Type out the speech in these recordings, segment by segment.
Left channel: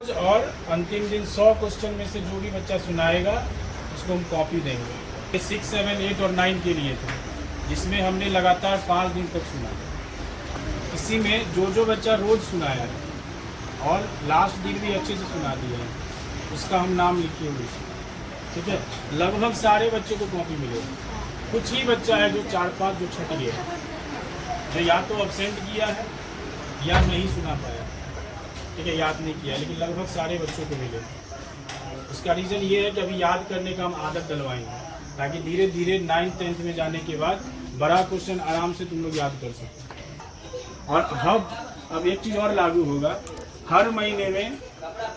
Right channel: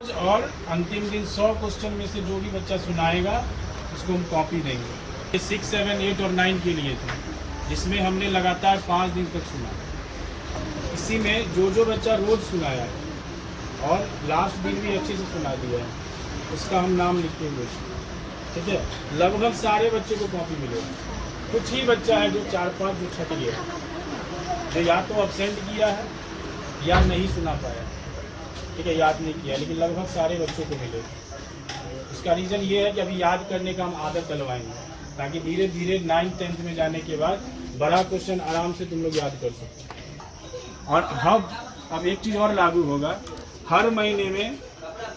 और अंतिम दिन 100 क्वेश्चन में से जो भी बच्चा सुनाएगा उसको हम कॉपी देंगे। ये 6, 7, 8 और 9 के लिए थे, जिसमें हमने लगातार 5 दिन तक सुना। इसी में जो बच्चा रोज सुनाया है और लास्ट दिन भी अच्छे से सुना दिया है उसका हम नाम लिखेंगे। ठीक है, लगभग सारे बच्चे को कॉपी मिलेगा। कुछ ही बच्चा है जो 4-5 जो छट गया, जो या तो अब्सेंट किया है या नहीं सुना पाया, ठीक है, याद नहीं किया, लेकिन लगभग सारे बच्चों को मिले। उसका रीज़न ये है कि अभी याद करने का हम आदत डलवाएंगे, ताकि धीरे धीरे 9th 10th में जाने के बाद बड़ा क्वेश्चन आराम से तुम लोग याद कर सकते। और अब एक चीज़ और लागू होगा, हर महीने में,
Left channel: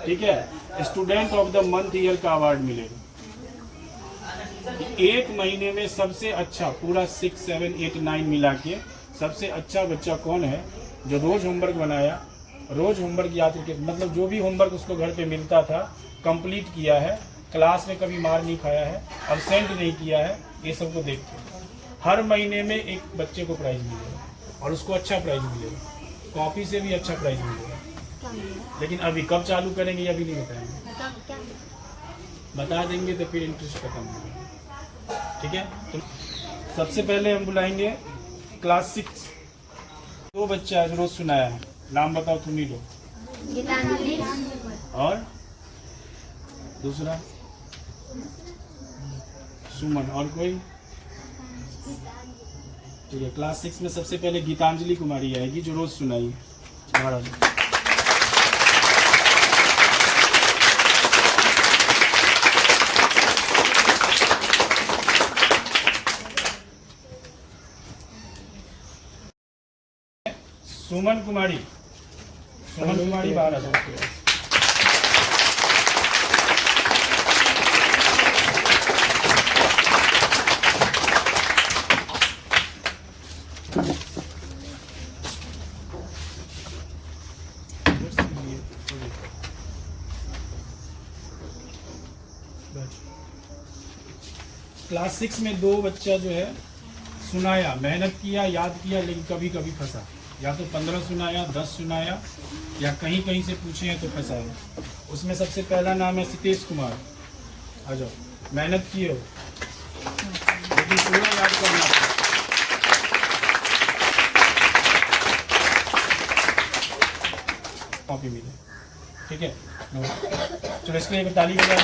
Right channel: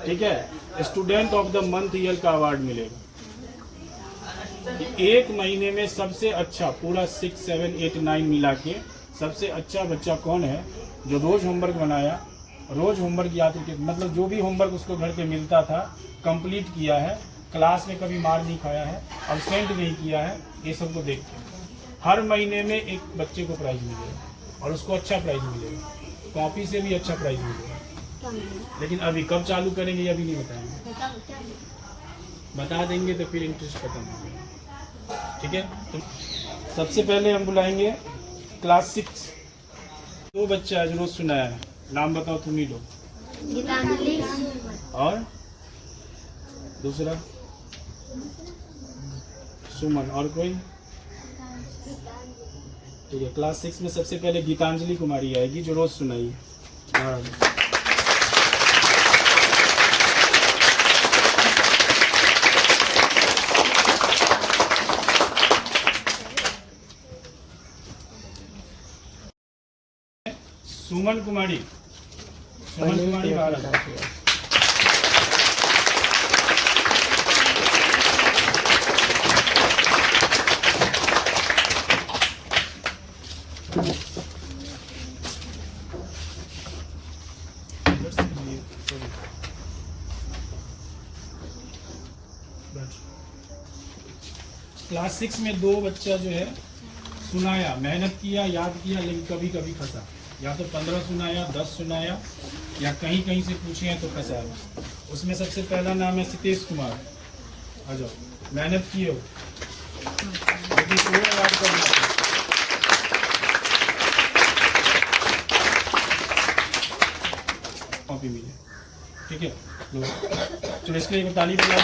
ठीक है, student of the month year का अवार्ड मिलेगा। एक महीने में सबसे अच्छा, पूरा 6, 7, 8, 9 मिला के सबसे अच्छा बच्चा कौन है जो रोज होमवर्क बनाया, रोज होमवर्क याद करके, मतलब जो भी होमवर्क उसको घर पे मिलता था कंप्लीट किया है, क्लास में कभी मार नहीं खाया है, अब्सेंट नहीं किया है, ये सबको देखते हैं। हर महीने में एक बच्चे को प्राइज मिलेगा और उसको अच्छा प्राइज मिलेगा, कॉपी से भी अच्छा प्राइज मिलेगा। लेकिन अभी कब चालू करेंगे अभी नहीं बताएंगे, बता देंगे तो फिर इंटरेस्ट खत्म हो जाएगा। ठीक है, तो सबसे पहले हम बुलाएंगे क्लास 6, 2 बच्चे आज रोज सुनाया है, नाम बताओ तुम ही दो। और दूसरा सुमन, और कोई? ठीक है, क्लास 6 में सबसे पहले गीतांजलि कुमारी आएगी जो रोज सुनाई। महाराज सुमन कुमारी बाहर आ जाती है। क्लास 6 में 2 बच्चा जो है सुनाया, मेहनत किया, याद किया, लेकिन कभी कभी फंसा। या तो 15 सुनाया, 10 सुनाया, या कहीं कहीं से पूछे हैं तो फंसा है। उसमें सबसे पहला नाम है सितेश कुमार। आ जाओ, मेहनत किए हो लेकिन पूरा याद करना था। कॉपी मिले, ठीक है, चलो इसके लिए ताली बजा दो।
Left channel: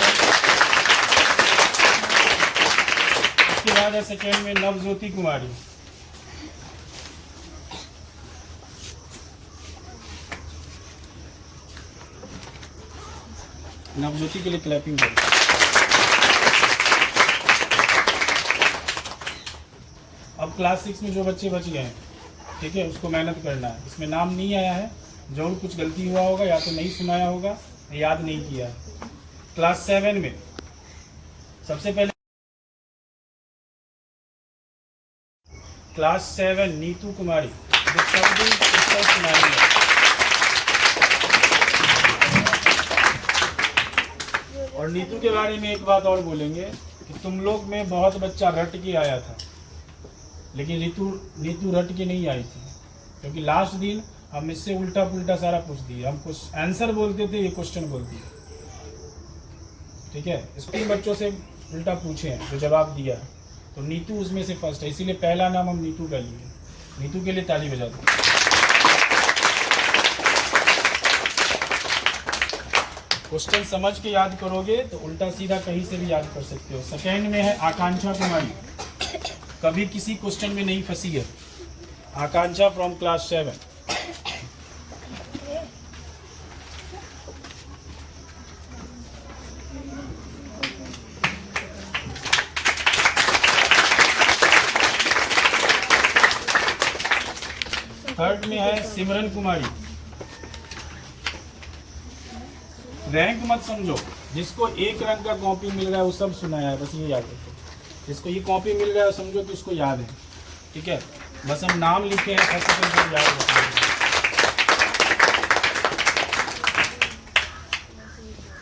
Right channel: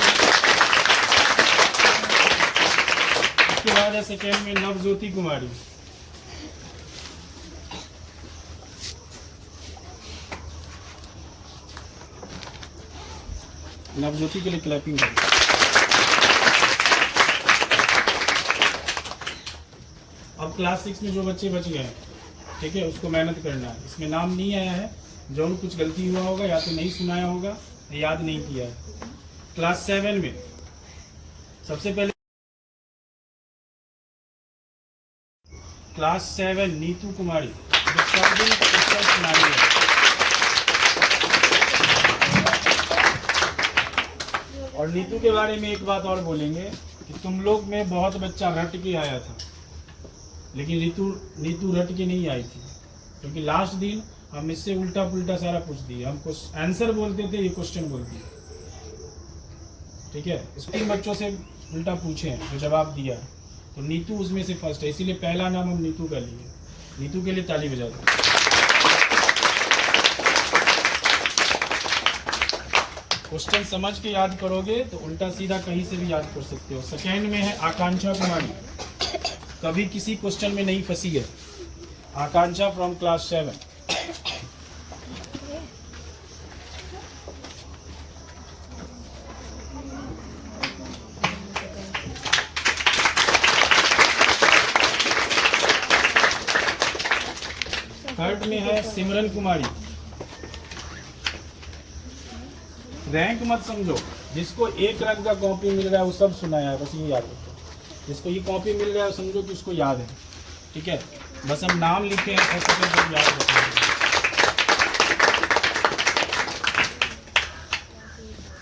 इसके बाद है सेकेंड में नवज्योति कुमारी। नवज्योति के लिए क्लैपिंग करें। अब क्लास 6 में जो बच्चे बच गए हैं, ठीक है, उसको मेहनत करना है। इसमें नाम नहीं आया है, जरूर कुछ गलती हुआ होगा, या तो नहीं सुनाया होगा, याद नहीं किया है। क्लास 7 में सबसे पहले क्लास 7 नीतू कुमारी, जो सब दिन पुस्तक सुनाई है। और नीतू के बारे में एक बात और बोलेंगे कि तुम लोग में बहुत बच्चा रट के आया था, लेकिन नीतू रट के नहीं आई थी, क्योंकि लास्ट दिन हम इससे उल्टा पुल्टा सारा पूछ दिए। हम कुछ आंसर बोलते थे, ये क्वेश्चन बोलती है। ठीक है, इस 3 बच्चों से उल्टा पूछे हैं, जो जवाब दिया, तो नीतू उसमें से फर्स्ट है, इसीलिए पहला नाम हम नीतू का लिए। नीतू के लिए ताली बजा दो। क्वेश्चन समझ के याद करोगे तो उल्टा सीधा कहीं से भी याद कर सकते हो। सेकेंड में है आकांक्षा कुमारी, कभी किसी क्वेश्चन में नहीं फंसी है। आकांक्षा फ्रॉम क्लास 7। थर्ड में है सिमरन कुमारी। रैंक मत समझो, जिसको 1 रंग का कॉपी मिल गया वो सब सुनाया है, बस ये याद रखो। जिसको ये कॉपी मिल गया समझो कि उसको याद है। ठीक है, बस हम नाम लिखे हैं, सब याद रखेंगे।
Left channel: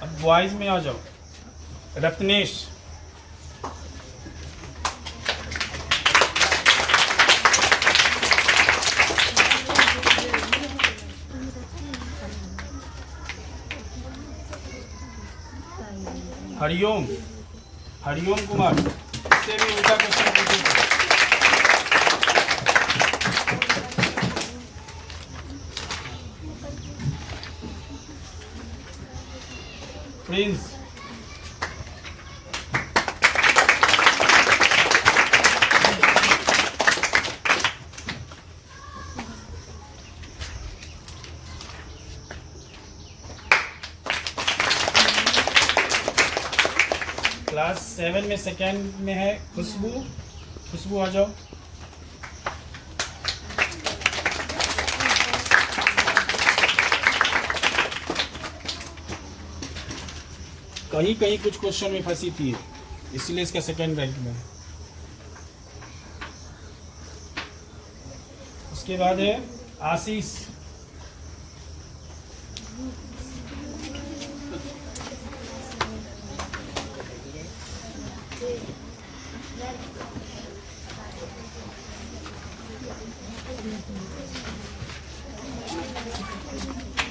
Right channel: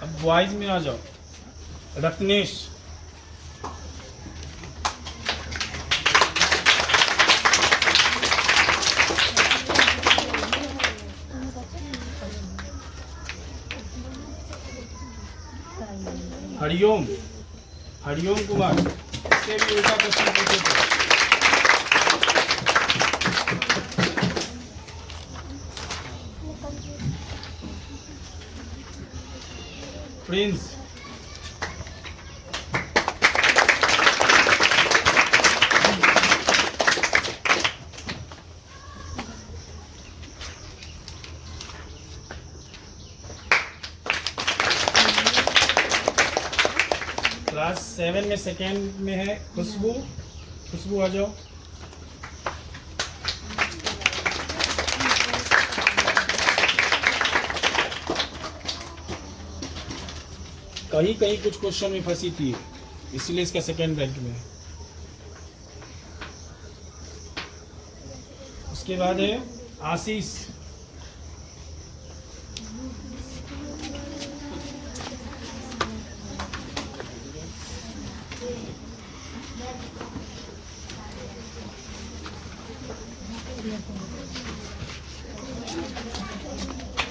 अब बॉयज में आ जाओ, रत्नेश। हरिओम कुमार, इससे भी उल्टा क्वेश्चन पूछे थे। प्रिंस, क्लास 7 में सेकेंड में है खुशबू आ जाओ। कहीं कुछ क्वेश्चन में फंसी थी, इसलिए इसका सेकेंड रैंक में है। उसके बाद है आशीष,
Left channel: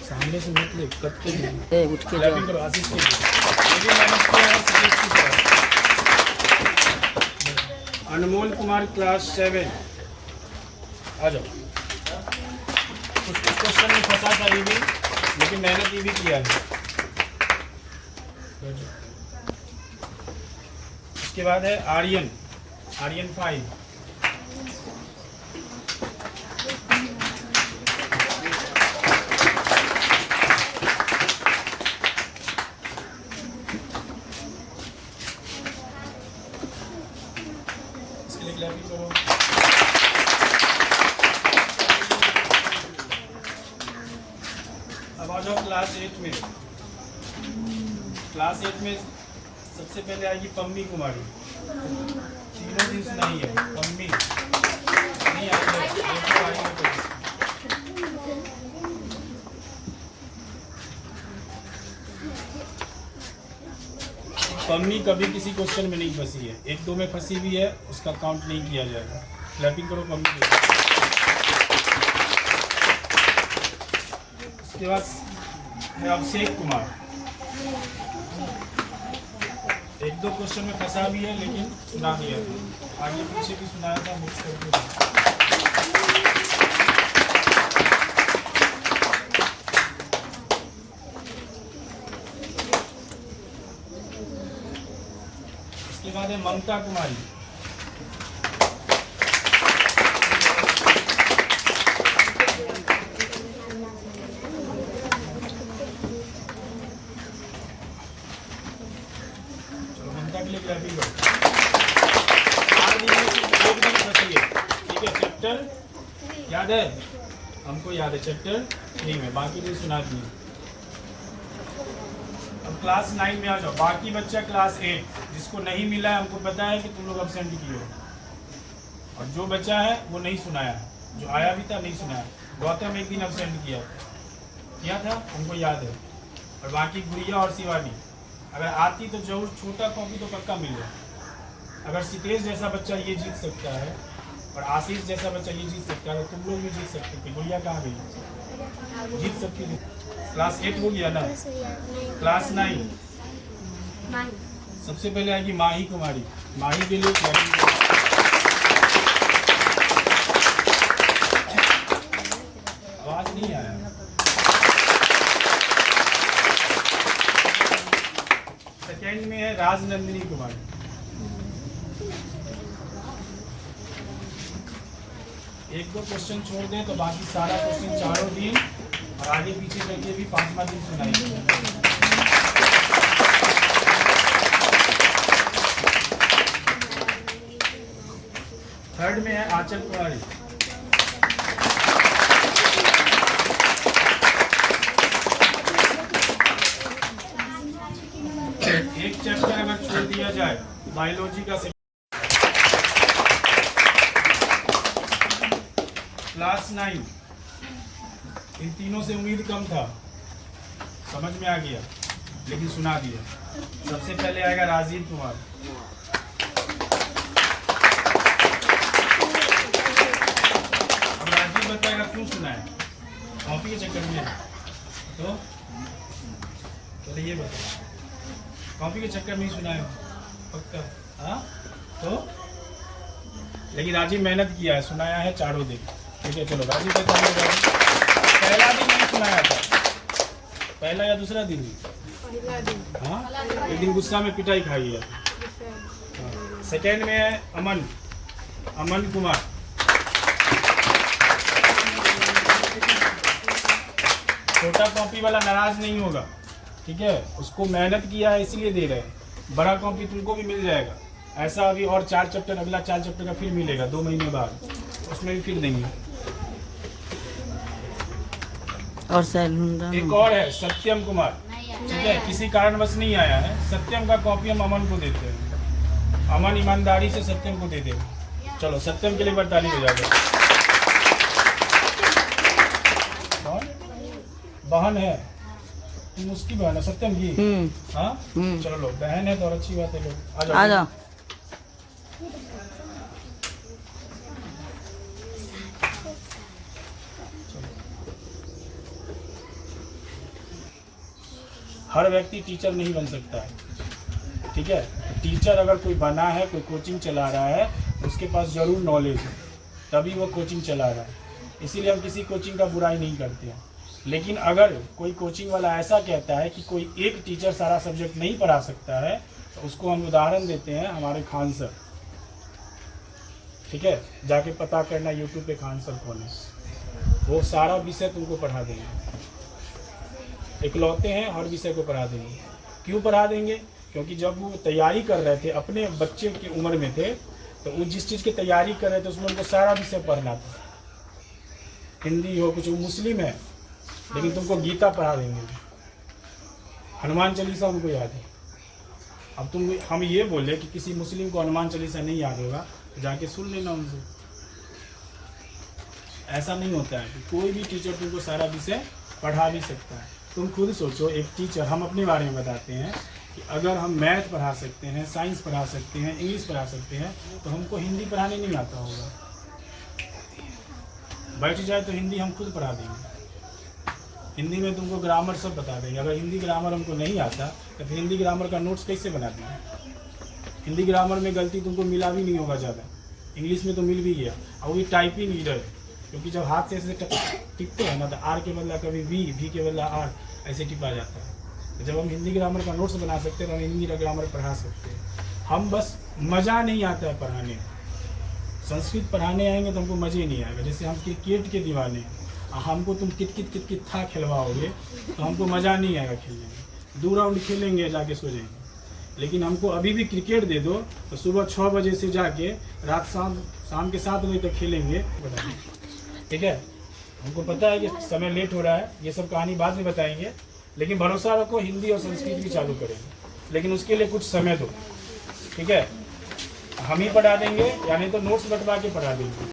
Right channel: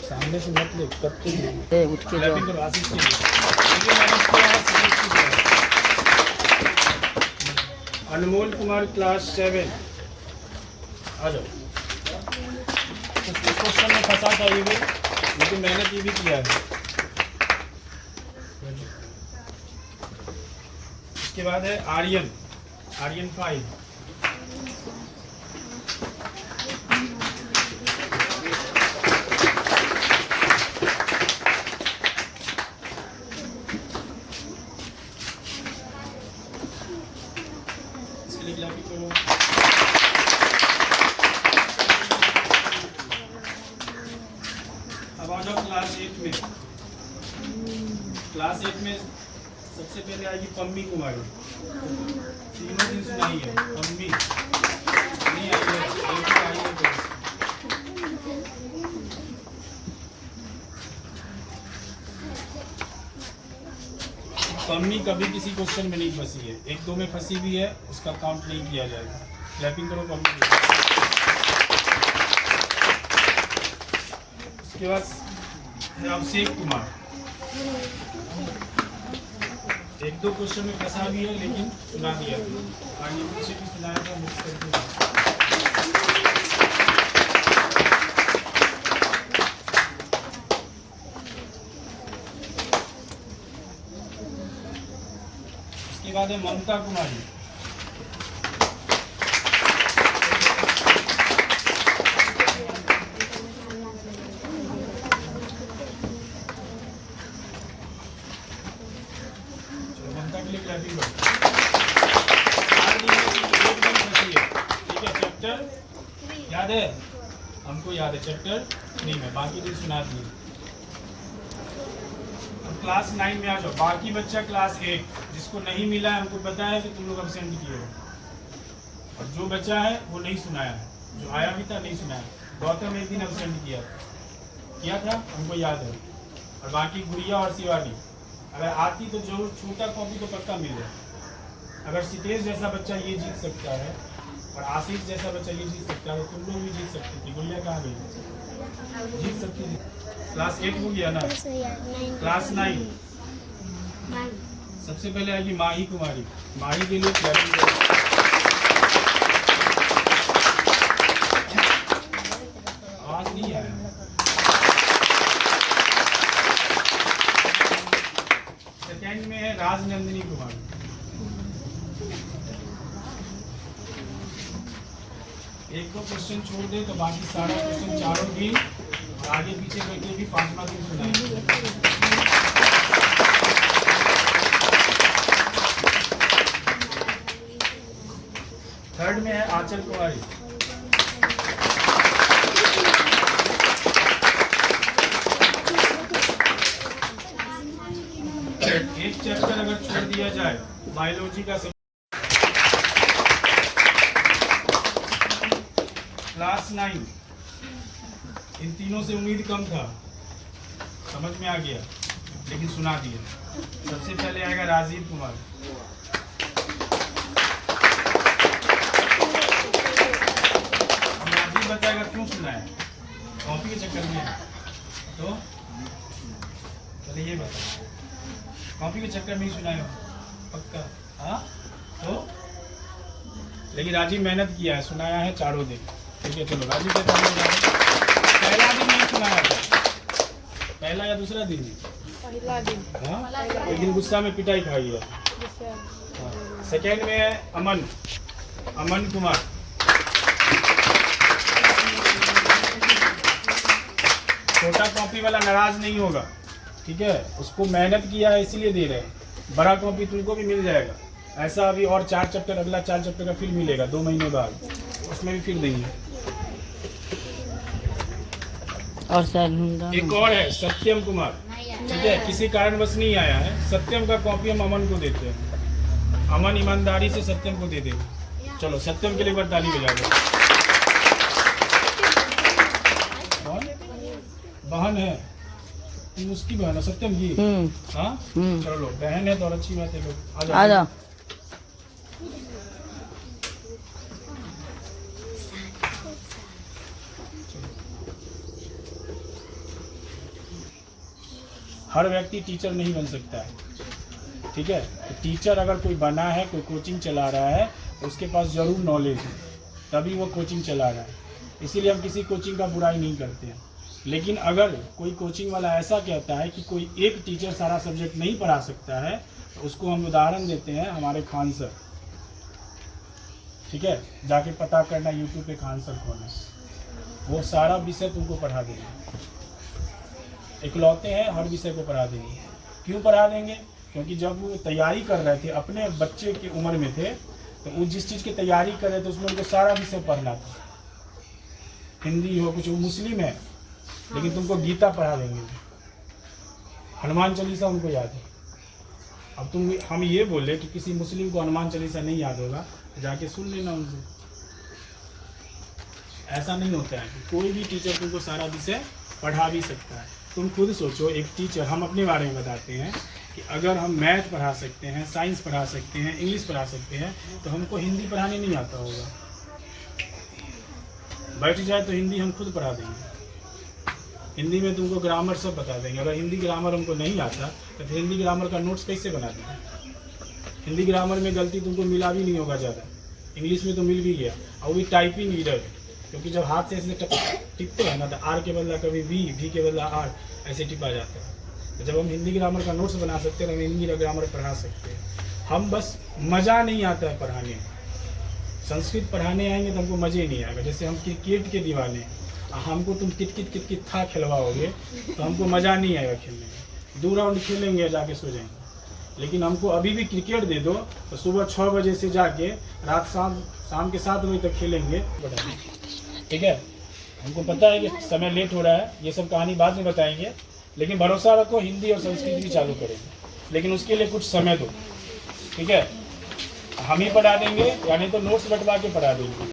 सामने से मत ले, कत्ते उठ के जाओ। आशीष के अनमोल कुमार क्लास 7 आ जाओ। कुछ क्वेश्चन में फंसा था ये भी, लेकिन मैंने ये भी किया है। उसके बाद है आर्यन 5। अब आ जाओ क्लास 8 में। क्लास 8 में सबसे पहले आएगी पम्मी कुमारी। तीनों दिन सुनाई है पम्मी, नहीं पम्मी कभी किसी क्वेश्चन में नहीं फंसी है, 1-2 में फंसी भी है, उसका काउंट नहीं किया जाएगा। क्लैपिंग करो पम्मी। उसके बाद है अभिषेक कुमार, 1-2 क्वेश्चन में फंसा भी है, लेकिन सुना दिया। आगे पीछे भी सुनाया था, मिक्स करके। उसके बाद है ममता कुमारी, याद है हमको, याद है चैप्टर 3 में, बाकी भी सुना दिए। अब क्लास 9 में आ जाओ। बाकी बच्चा क्लास 8 जिसको नहीं मिला है, हमको पता है कि तुम लोग अब्सेंट किए हो, और जो बच्चा है वो नहीं सुनाया है, जो आया भी था नहीं सुनाया। गौतम एक दिन अब्सेंट किया था, हमको याद है। और बाकी गुड़िया और शिवानी अगर आती तो जरूर, छोटा कॉपी तो पक्का मिले। अगर सितेश जैसा बच्चा ये जीत सकता है और आशीष जैसा बच्चा ये जीत सकता है, तो तुम लोग भी जीत सकते थे। गुड़िया कहाँ गई? जीत सकती थी। क्लास 8 हो गया ना। क्लास 9 सबसे पहले आएगी माही कुमारी। माही के लिए आवाज नहीं आया। सेकेंड में है राजनंदिनी कुमारी। एक दो क्वेश्चन छोड़ दे तो बाकी सारा क्वेश्चन चारों दिन और आगे पीछे करके भी 5वां दिन सुनाएंगे। थर्ड में है आंचल कुमारी। एक चैप्टर अगर छोड़ दिया जाए बायोलॉजी का, क्लास 9 इन तीनों से उम्मीद कम था, समझ में आ गया, लेकिन सुना दिया। सबसे पहले आएगा राजीव कुमार। अब राजीव बताएगा क्यों सुना है, कॉपी के चक्कर में, तो चलिए ये बताओ। कॉपी के चक्कर में ही सुनाए हो पक्का? हाँ तो लेकिन राजीव मेहनत किया है, सुनाया है चारों दिन। ठीक है चलो राजीव से पहला दिन नहीं सुनाया था, पहला या दूसरा दिन? पहला दिन। हाँ एक दिन गुस्सा में पिटाई खाई है। सेकेंड में है अमन कुमार। छोटा कॉपी वाला नाराज नहीं होगा, ठीक है? उसको मेहनत किया है इसीलिए दे रहे हैं। बड़ा कॉपी तुमको भी मिल जाएगा, ऐसा अभी और 4 चैप्टर, अगला 4 चैप्टर का फिर मिलेगा 2 महीने बाद, उसमें भी फिर देंगे। और सैलून एक और है सत्यम कुमार, ठीक है? किसी कारणवश नहीं आया है। सत्यम का कॉपी हम अमन को देते हैं, अमन ईमानदारी से सत्यम को दे देगा। चलो सत्यम के लिए बार ताली बजा दो। बहन है, तुम उसकी बहन है सत्यम की? हाँ चलो बहन है तो और अच्छी बात है। लोग आ जाओ। हर व्यक्ति टीचर नहीं बन सकता है, ठीक है? टीचर अगर कोई बना है, कोई कोचिंग चला रहा है, तो उसके पास जरूर नॉलेज है, तभी वो कोचिंग चला रहा है। इसीलिए हम किसी कोचिंग का बुराई नहीं करते हैं। लेकिन अगर कोई कोचिंग वाला ऐसा कहता है कि कोई एक टीचर सारा सब्जेक्ट नहीं पढ़ा सकता है, तो उसको हम उदाहरण देते हैं हमारे खान सर, ठीक है? जाके पता करना यूट्यूब पे खान सर कौन है, वो सारा विषय तुमको पढ़ा देंगे। इकलौते हैं, हर विषय को पढ़ा देंगे। क्यों पढ़ा देंगे? क्योंकि जब वो तैयारी कर रहे थे, अपने बच्चे की उम्र में थे, तो वो जिस चीज़ की तैयारी कर रहे थे उसमें उनको सारा विषय पढ़ना था। हिंदी हो, कुछ वो मुस्लिम है लेकिन तुमको गीता पढ़ा देंगे, हनुमान चालीसा उनको याद है। अब हम ये बोले कि किसी मुस्लिम को हनुमान चालीसा नहीं याद होगा तो जाके सुन लेना उनसे। ऐसा नहीं होता है कि कोई भी टीचर तुमको सारा विषय पढ़ा भी सकता है। तुम खुद सोचो, एक टीचर, हम अपने बारे में बताते हैं कि अगर हम मैथ पढ़ा सकते हैं, साइंस पढ़ा सकते हैं, इंग्लिश पढ़ा सकते हैं, तो हमको हिंदी पढ़ाने नहीं आता होगा। बैठ जाए तो हिंदी हम खुद पढ़ा देंगे। हिंदी में तुमको ग्रामर सब बता देंगे। अगर हिंदी ग्रामर हमको नहीं आता तो फिर हिंदी ग्रामर का नोट्स कैसे बना देंगे? हिंदी ग्रामर में गलती तुमको मिला भी नहीं होगा ज़्यादा, इंग्लिश में तो मिल भी गया। और भी टाइपिंग इधर, क्योंकि जब हाथ से ऐसे टिपते हैं, मतलब आर के बदला कभी भी के बदला आर, ऐसे टिपा जाता है। तो जब हम हिंदी ग्रामर का नोट्स बना सकते हैं तो हम हिंदी ग्रामर पढ़ा सकते हैं। हम बस मज़ा नहीं आता है पढ़ाने में। संस्कृत पढ़ाने आएंगे तो हमको मज़े नहीं आएगा। जैसे हम क्रिकेट के दीवाने, हमको तुम कित था खिलवाओगे तो हमको मज़ा नहीं आएगा खेलने में। 2 राउंड खेलेंगे, जाके सो जाएंगे। लेकिन हमको अभी भी क्रिकेट दे दो तो सुबह 6 बजे से जाके रात शाम के 7 बजे तक खेलेंगे, ठीक है? हमको पता है कि समय लेट हो रहा है, ये सब कहानी बाद में बताएंगे, लेकिन भरोसा रखो हिंदी और संस्कृत भी चालू करेंगे। लेकिन उसके लिए कुछ समय दो, ठीक है? हम ही पढ़ा देंगे, यानी तो नोट्स बंटवा के पढ़ा देंगे।